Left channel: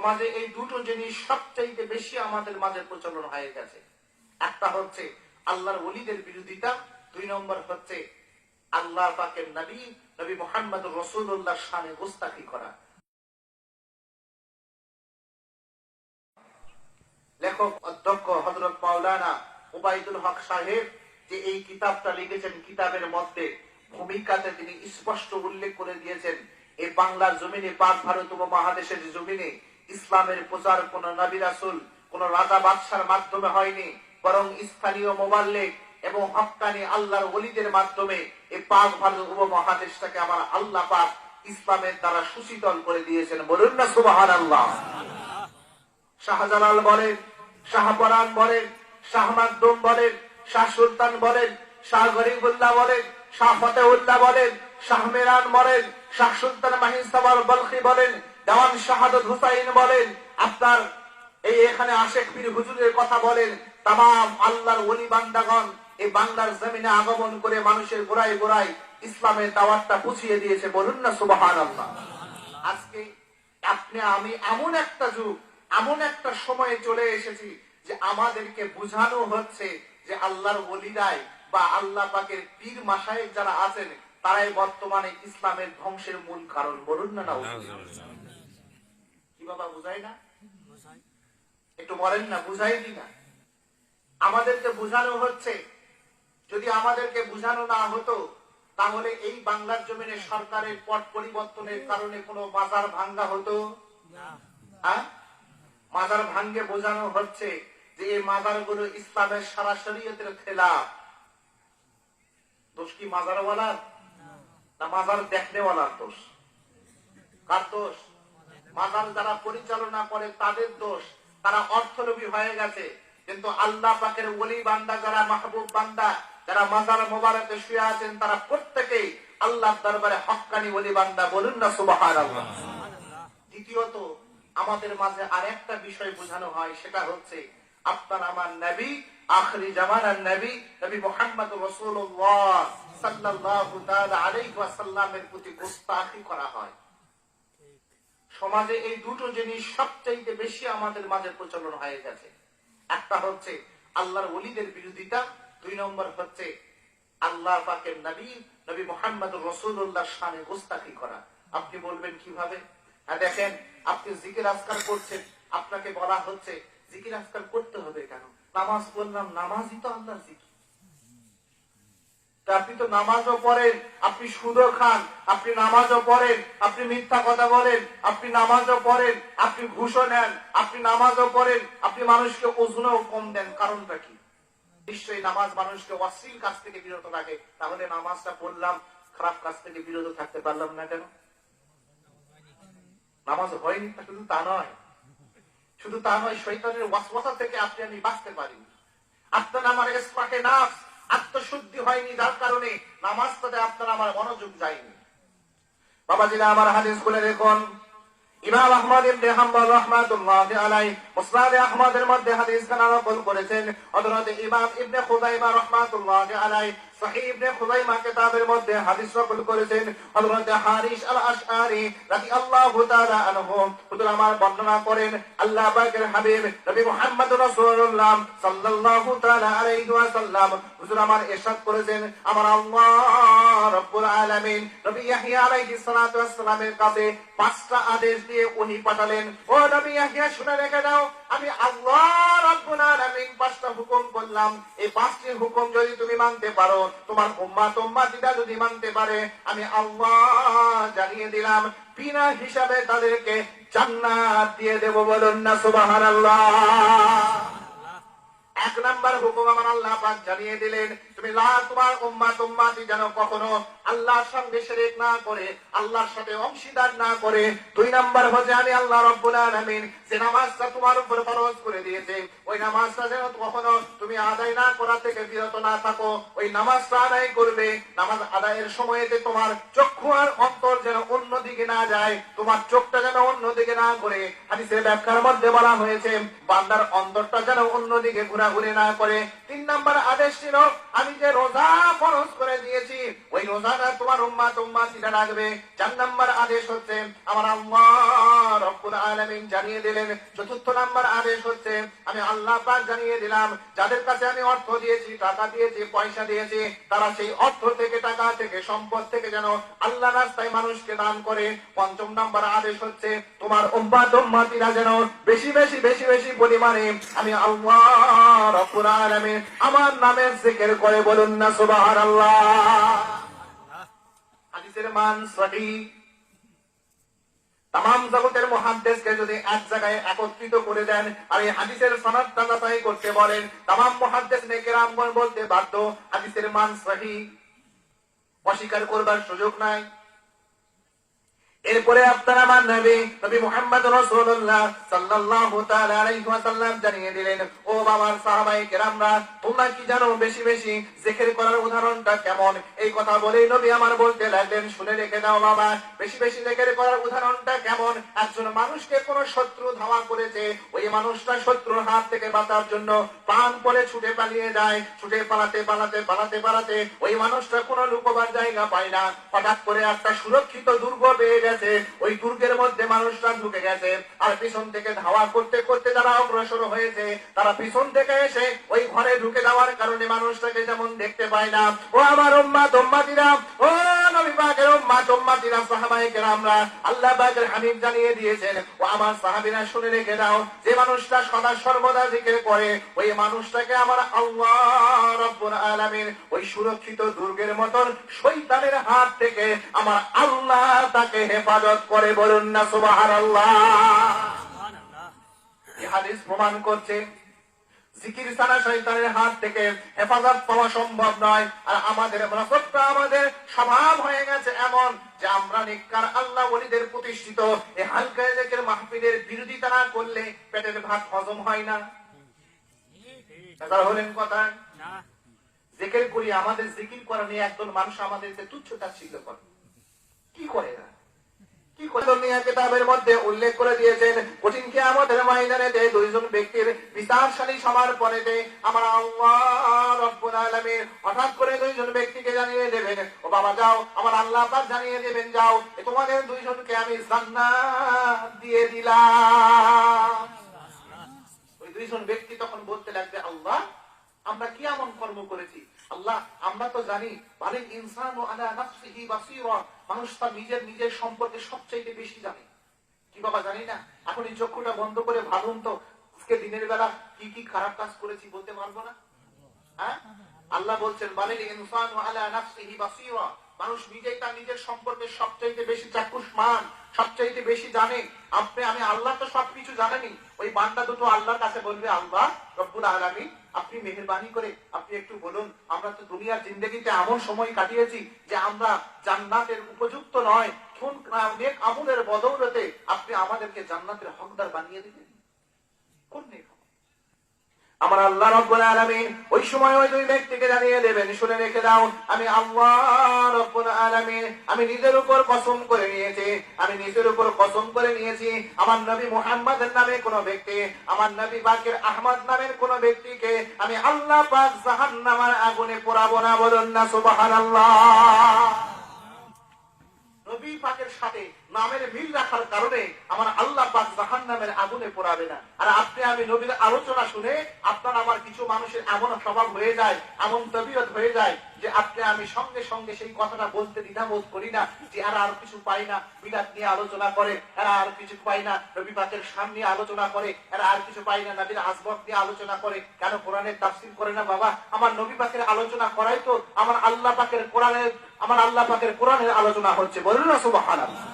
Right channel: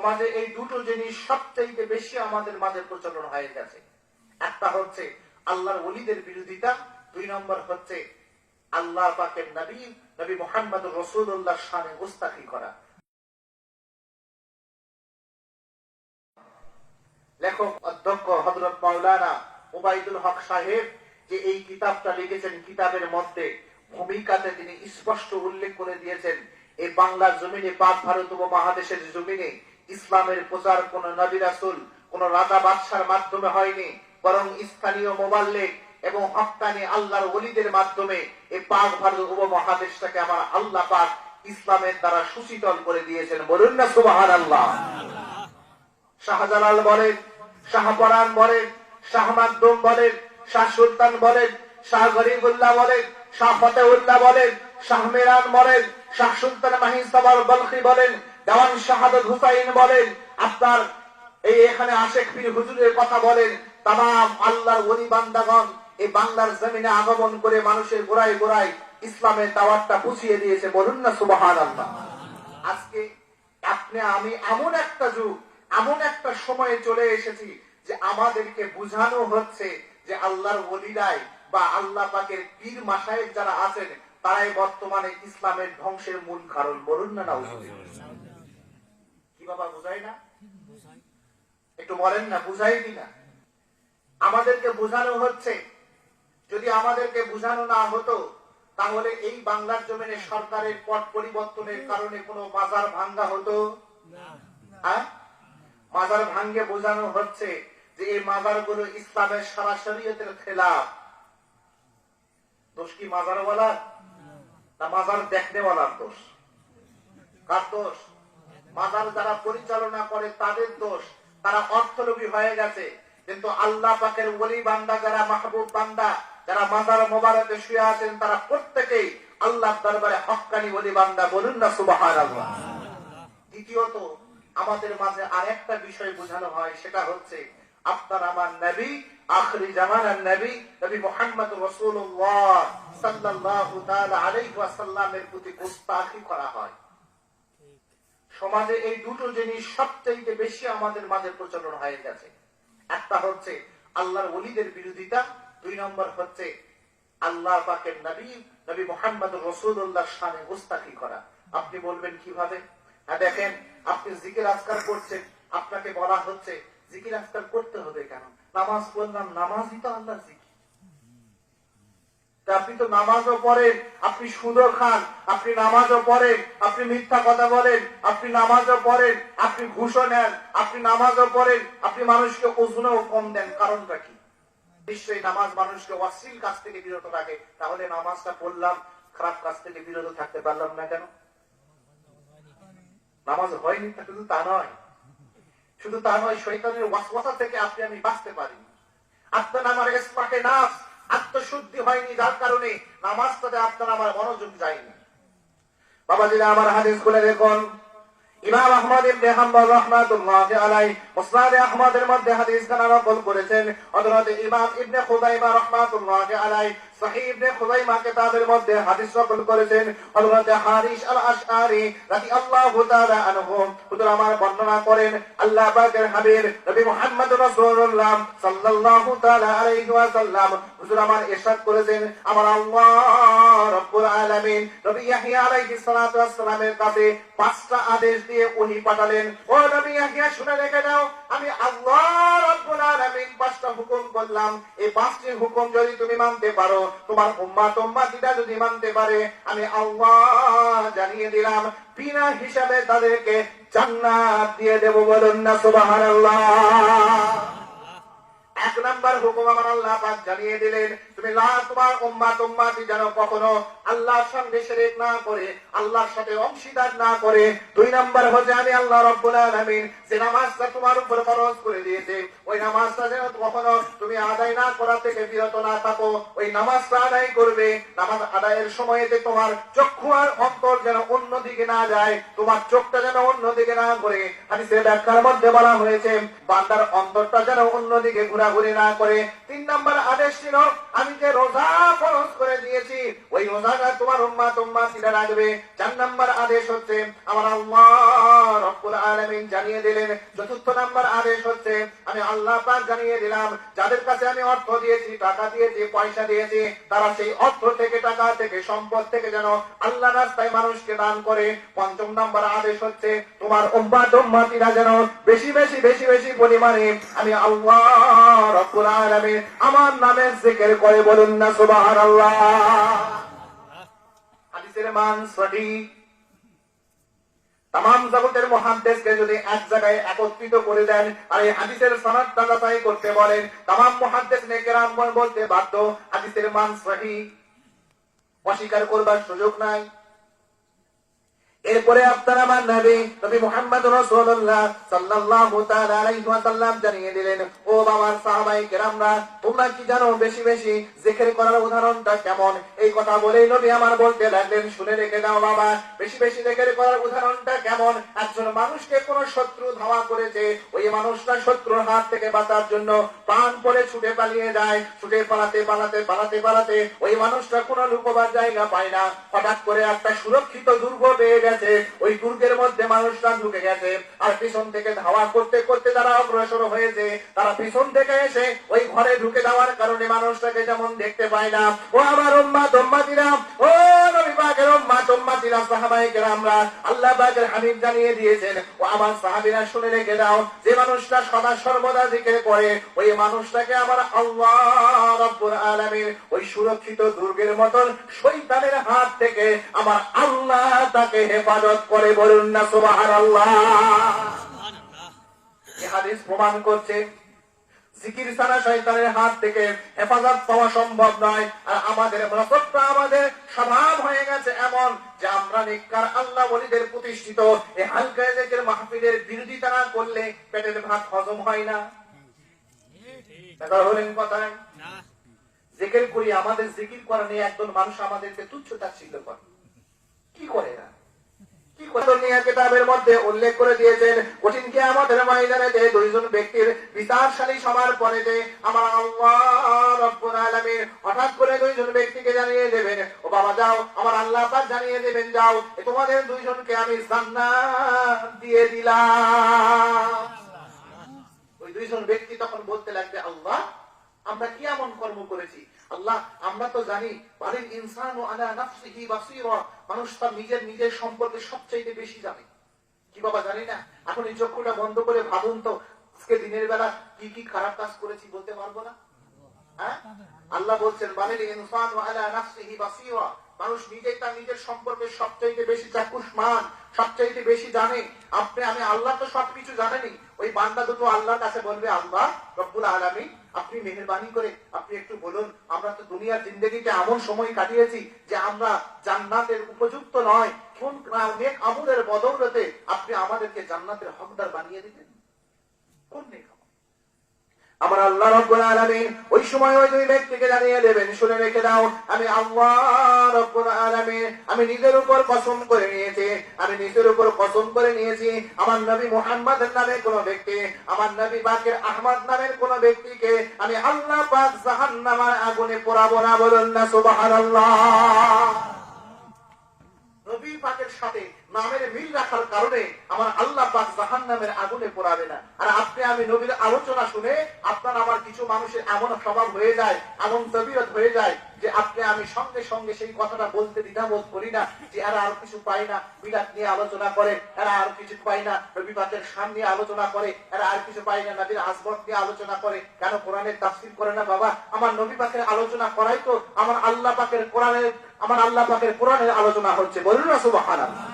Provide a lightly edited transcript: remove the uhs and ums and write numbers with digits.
সমাজে এই দুটো জিনিস সবচেয়ে বেশি আমাদের মাঝে প্রচলন হয়ে গেছে। একটা হচ্ছে আল্লাহর ওলিদের বিরোধিতা, দুই নম্বর হচ্ছে আল্লাহ পাকের নবী মুহাম্মদ রাসূলুল্লাহ শানে গোস্তাখি করা। লেখক অধ্যক্ষ হযরত মাওলানা ওবায়দুল হক সাহেব যে এই কিতাবটা লিখেছেন, কিতাবের মধ্যে ভূমিকাতে তিনি স্পষ্ট উল্লেখ করে দিয়েছেন, এই বাংলার জমিনে, পাক ভারত উপমহাদেশের জমিনে ইসলামের প্রচার কোন নবী রাসূল, কোন রাজা বাদশার মাধ্যমে হয়নি, বরং স্থানীয় মুবাল্লিগ এবং হক্কানি আল্লাহর ওলিদের মাধ্যমে এই পাক ভারত উপমহাদেশটাকে আমার আল্লাহ পাক ইসলামের দ্বারা সুশীতল করে দিয়েছেন। বলুন না সুবহানাল্লাহ। শাহজালাল বলেন, শাহপরান বলেন, শাহ মাকদুম বলেন, শাহ সুলতান বলেন, শাহ গরিবুল্লাহ বলেন, শাহ ফতেউল্লাহ বলেন, শাহ মিরান বলেন, শাহ সুলতান মাহিসাবার বলখি বলেন, দেওয়ান শাহাদত হুসাইন বলেন, আপনার এই এখানে আশেক পীর হুজুরের কথা বলেন, তামাম আল্লাহর ওলি বান্দাগণ এই বাংলার জমিনে আগমন করে মানুষের গোড়ায় গোড়ায় ইসলামের দাওয়াতটা পৌঁছিয়ে দিয়েছে। বলুন না সুবহানাল্লাহ। আজকে আপনি আমি এমন একটা যুগ, এমন একটা সময়ে চলে এসেছি যে আমাদেরকে বুঝানো হচ্ছে যে আল্লাহর ওলিরাই বা আল্লাহ পাকের পীর মাশায়েখ যারা আছেন তারাই বর্তমানে ইসলামের ধ্বংসের মূল কারণ। বলুন না কি বাবা, বুঝাই না? একটু বলেন না, বুঝাই কিনা? আমাদেরকে বুঝানো হচ্ছে। যদি আমাদেরকে বুঝানো না হতো তাহলে এই বাংলার জমিনে সরকারের পট পরিবর্তনের কারণে কোনো মাজার ভাঙ্গা হতো? হ্যাঁ, মাজার ভাঙ্গে বোঝানো হচ্ছে যে এই মাজারগুলো ইসলামের সারা শরীয়তের খেলাফ। দোষ কি মাজারওয়ালার না মাজার দেখনেওয়ালার দোষ? তার দোষ। মাজার যারা পরিচালনা করে তাদের দোষ, তারা অর্থলোভী হয়ে গেছে। কিন্তু আল্লাহ পাকের ওলি বান্দা যারা, মাহবুব বান্দা যারা মাজার মোবারকে শুয়ে আছেন, তারা প্রত্যেকেই আল্লাহর দরবারে হক্কানি ওলি বান্দা। বলুন না সুবহানাল্লাহ। দ্বিতীয়ত আমাদের মাঝে আরেকটা বিষয় বোঝানো হয়, সেটা হচ্ছে আপনার আমার নবী, আখিরি জামানার নবী, নবী মুহাম্মদ রাসূলুল্লাহ সাল্লাল্লাহু তাআলা আলাইহি ওয়াসাল্লামের প্রতি গোস্তাখি করা হয়। সমাজে এই দুটো জিনিস সবচেয়ে বেশি আমাদের মাঝে প্রচলন হয়ে গেছে। একটা হচ্ছে আল্লাহর ওলিদের বিরোধিতা, দুই নম্বর হচ্ছে আল্লাহ পাকের নবী মুহাম্মদ রাসূলুল্লাহ শানে গোস্তাখি করা। আপনি বলবেন কিভাবে? হ্যাঁ, দেখেন, আপনি জিকির আজকার করছেন, আপনাকে বলা হচ্ছে জিকির আজকার করতে হবে কেন? নামাজ পড়লাম, নামাজই তো আল্লাহর জিকির। আপনি তো নামাজও পড়েন, আপনি সুদও খান, আপনি নামাজও পড়েন, আপনি মিথ্যা কথা বলেন, আপনি নামাজও পড়েন, আপনি ঘুষও নেন, আপনি নামাজও পড়েন, আপনি মানুষকে ওজনও কম দেন। কারণটা কি? নিশ্চয়ই নামাজ মানুষকে অশ্লীল কাজ থেকে বিরত রাখে। তাহলে নামাজটা পড়লাম, খারাপ কাজ থেকে বিরত থাকতে পারলাম না কেন? নামাজ হয়নি শুধু তা নয়, শুধু তা নয়, শয়তানের ওয়াসওয়াসা থেকে আপনি আমি বাঁচতে পারি। আপনার আমার ইসলামে নাফস আত্মশুদ্ধি হয়নি, যার কারণে নামাজটাতে আপনার আমার মনোযোগ যায়নি। বাবাজিরা আমার হাদিস খুলে দেখুন, ইমাম আহমদ ইবনে হাম্বল রাহমাতুল্লাহি আলাইহি মুসনাদ আহমদের মধ্যে হাদিস খানা নকল করেছেন। হযরত ইমাম ইবনে খুযাইমা রাহমাতুল্লাহি আলাইহি সহিহ ইবনে খুযাইমা কিতাবের মধ্যে হাদিস নকল করেছেন। হযরত হারিস আল আশআরি রাদিয়াল্লাহু তাআলা আনহু হুজুর আমার বর্ণনা করেন, আল্লাহ পাকের হাবিব নবী মুহাম্মদ রাসূলুল্লাহ সাল্লাল্লাহু তাআলা আলাইহি ওয়াসাল্লাম হুজুর আমার ইরশাদ করেছেন, আমার আল্লাহ রাব্বুল আলামিন নবী ইয়াহইয়া আলাইহিস সালাতু ওয়াস সালামের কাছে 5টা আদেশ দিয়ে ওহী পাঠালেন। ও নবী ইয়াহইয়া, শুনে রেখে দাও, আমি আল্লাহ রাব্বুল আলামিন 5টা হুকুম করলাম। এই 5টি হুকুম যদি তুমি মানতে পারো, তোমার উম্মতিটা যদি মানতে পারে, আমি আল্লাহ জানিয়ে দিলাম বিনা হিসাবে তাদেরকে জান্নাত দিয়ে দেব। বলুন না সুবহানাল্লাহ। 1 নাম্বার হুকুম আমার আল্লাহ পাক জানিয়ে দিলেন, তুমি তোমার উম্মতি যেন কখনো আল্লাহর সঙ্গে শিরক না করে, আল্লাহর সাথে অংশীদার না করে। 2 নাম্বার হচ্ছে আমি আল্লাহ রাব্বুল আলামিন যে নামাজটা তোমার উপর ফরজ করে দিয়েছে, ওই নামাজটা যেন কখনো তুমি আদায় না করা থেকে বিরত না থাকো। ওই নামাজটা আদায় করবে, নামাজ আদায়ের সময়তে তোমার চক্ষু আর অন্তর যেন অন্যদিকে না যায়, তোমার চোখটা যেন অন্যদিকে না ঘুরে। হাদিসের ব্যাখ্যার মধ্যে বলা হয়েছে বান্দার অন্তরটা যেন অন্যদিকে ঘোরাঘুরি না করে। 3 নাম্বার আদেশ ছিল আমি আমি যে রোজা ফরজ করে দিয়েছি ওই রোজাটা তোমার উম্মতিরা রাখবে। 4 নম্বর আদেশ হচ্ছে আমার আল্লাহ রব্বুল আলামিন জানিয়ে দিলেন। চতুর্থ নম্বর আদেশ হচ্ছে আমি আল্লাহ পাক জানিয়ে দিলাম যাদের কাছে আমি অর্থ দিয়েছি, টাকা দিয়েছি, পয়সা দিয়েছি, তারা সেই অর্থ থেকে, টাকা থেকে, সম্পদ থেকে যেন আল্লাহ রাস্তায় মানুষকে দান করে। 5 নম্বর আদেশ হচ্ছে তোমার উম্মতিরা যেন বেশি বেশি বেশি বেশি পরিমাণে আমি আল্লাহ রব্বুল আলামিন আমার নামে জিকির করে, বলুন না সুবহানাল্লাহ। হাদিসের মান সঠিক। তাম জগতের মুহাদ্দিসকে যদি এক জায়গায় একত্রিত করে দেন আর এই হাদিসের সনদটা যাচাই করতে বলেন, তাম মুহাদ্দিসনে কেরাম বলতে বাধ্য হাদিসের মান সহিহ, অস্বীকার করবার সুযোগ নাই। এরপরে আপনারা আমার নবী মুহাম্মদ রাসূলুল্লাহ সাল্লাল্লাহু তাআলা আলাইহি ওয়াসাল্লাম জানিয়ে দিলেন, ও বাবার সাহাবায়ে কেরামরা, তোমরা কি জানো বেশি বেশি জিকির করার উদাহরণটা কেমন? এই কথা বলেই নবী আমার বলতে লাগলেন, শুনে রেখে দাও বাবা, বেশি বেশি জিকির করার উদাহরণটা কেমন? একজন মানুষকে কোন শত্রু ধাওয়া করেছে, ওই মানুষটা শত্রুর হাত থেকে বাঁচার জন্য প্রাণ পরে ছুটে পালিয়ে যায়, ছুটে পালাতে পালাতে পালাতে পালাতে ওই মানুষটা কোনো লুকোবার জায়গা পায় না। হঠাৎ করে একটা সুরক্ষিত দুর্গ পেয়ে গেছে, ওই দুর্গের মধ্যে মানুষরা ঢুকে গেছে, আর পিছন থেকে ধাওয়া করতে করতে যারা অগ্রসর হয়েছে তারা পিছন থেকে এসে ওই ঘরে ঢুকে যাওয়ার কারণে মানুষটাকে যেমন দেখতে পায় না। ও আমার উম্মতিরা, ও নবী পাকের উম্মতিরা, সাহাবায়ে কেরামরা, আল্লাহ পাকের হাবিব জানিয়ে দিয়েছেন, ও আমার সাহাবীরা শুনে রেখে দাও, যে মানুষটা সদা সর্বদা জিকির করে ওই মানুষটাকে আমার আল্লাহ রব্বুল আলামিন ওই সুরক্ষিত দুর্গের মতন শয়তানের হাত থেকে আমার আল্লাহ তাকে হেফাজত করে, বলুন না সুবহানাল্লাহ। এই হাদিস প্রমাণ করছে জিকির ছাড়া শয়তানের হাত থেকে হেফাজত পাওয়া সম্ভব নয়। আর আমাদের মনসবটা, আমাদের স্বভাব হয়ে গেছে এমন যে আমরা নেককার আল্লাহ ওলিদের প্রতিষ্ঠিত এই হালকা জিকির মাহফিলের বিরোধিতা না করলে পেটের ভাত হজম হয় না। হলেন কথা, জিকির করি, আমাদের জিকির করা নিয়ে একজন মানুষ আমাদেরকে তুচ্ছ তাচ্ছিল্য করে। কি করে না, কি কথা নিয়ে কিতাবের মধ্যে উল্লেখ করে দিয়েছেন, কঠিন কিয়ামতের ময়দানে যে দুইজন ব্যক্তির বিচারশালী সবার পরে যে আমার আল্লাহ রব্বুল আলামিন হঠাৎ করে দুইজন ব্যক্তিকে জানিয়ে দেবেন, ও বাবা যাও, আমার আল্লাহ পাক জানিয়ে দেবেন, যাও তোমাদের দুইজনকে আমি জান্নাত দিয়ে দিলাম। ওই দুইজন ব্যক্তি তখন বলতে লাগবে, আল্লাহ আমরা কি এমন কর্ম করেছি? আল্লাহ আমরা তো জানি বালিল ইনসানু আলা নাফসিহি বাসীরা, মানুষ তার নিজের সম্পর্কে সবচেয়ে বেশি জানে। কি বাবা জানি না? এখন এই চক্ষুটা বন্ধ করে ভাবুন তো, আজকে দিনের বেলা কি কি খারাপ কাজ করেছি বলতে পারবো না? হ্যাঁ, আল্লাহ বলছেন বালিল ইনসানু আলা নাফসিহি বাসীরা, মানুষ নিজেই তার নিজের সম্পর্কে সবচেয়ে বেশি চাক্ষুষমান, সবচেয়ে বেশি জানে। আমি আল্লাহ তো সবকিছু জানেনি। ওই বান্দা দুটো আল্লাহর কাছে বলবে, আল্লাহ রব্বুল আলামিন আপনি মেহেরবানি করে আপনি একটু বলুন, আমরা তো দুনিয়ার জিন্দেগিতে এমন সময় কাটিয়েছি যে আমরা জান্নাতের উপযুক্ত নয়, কোন নেক আমলের বদৌলতে আপনি আমাদেরকে জান্নাতের হকদার বানিয়ে দিবেন? কোন নেক আমল? আমার আল্লাহ রব্বুল আলামিন ওই সময় ওই দুই ব্যক্তিকে জানিয়ে দেবেন, শুনে রেখে দাও, আমি আল্লাহ রব্বুল আলামিন আমি নিজের উপর কসম করে নিয়েছি, আমি নিজের উপর কসম করে নিয়েছি, আমার নবী মুহাম্মদের নামে কোন ব্যক্তি, আমার নবী বাকের আহমদ নামের কোন ব্যক্তিকে আমি আল্লাহ পাক জাহান্নামের আগুনে পোড়াবো না, বলুন না সুবহানাল্লাহ। নবী পাকের সাথে নামের মিল রাখার কারণে আমার আল্লাহ পাক জাহান্নামের আগুনে পোড়াবে না। আর আপনি আমি নবীর আলোচনা শুনে আপনার আমার কিছু মানুষের এমন স্বভাব হয়ে যায়, এমন তবিয়ত হয়ে যায় যে আপনি আমি সঙ্গে সঙ্গে সেই কথাটা বলতে দ্বিধাবোধ করি না, যে এরা আর কিছু পাই না, মিলাদ নিয়ে আলোচনা করে, এরা আর কিছু পাই না, নবী পাকের শান নিয়ে আলোচনা করে, এরা আর কিছু পাই না, নবীর আসবাব নিয়ে আলোচনা করে, কেন কোরআনের তাফসীর করে না? বাবা আমার নবী পাকের আলোচনা করাই তো আমার আল্লাহ পাকের কোরআনের আলোচনা হচ্ছে, বলুন না সুবহানাল্লাহ।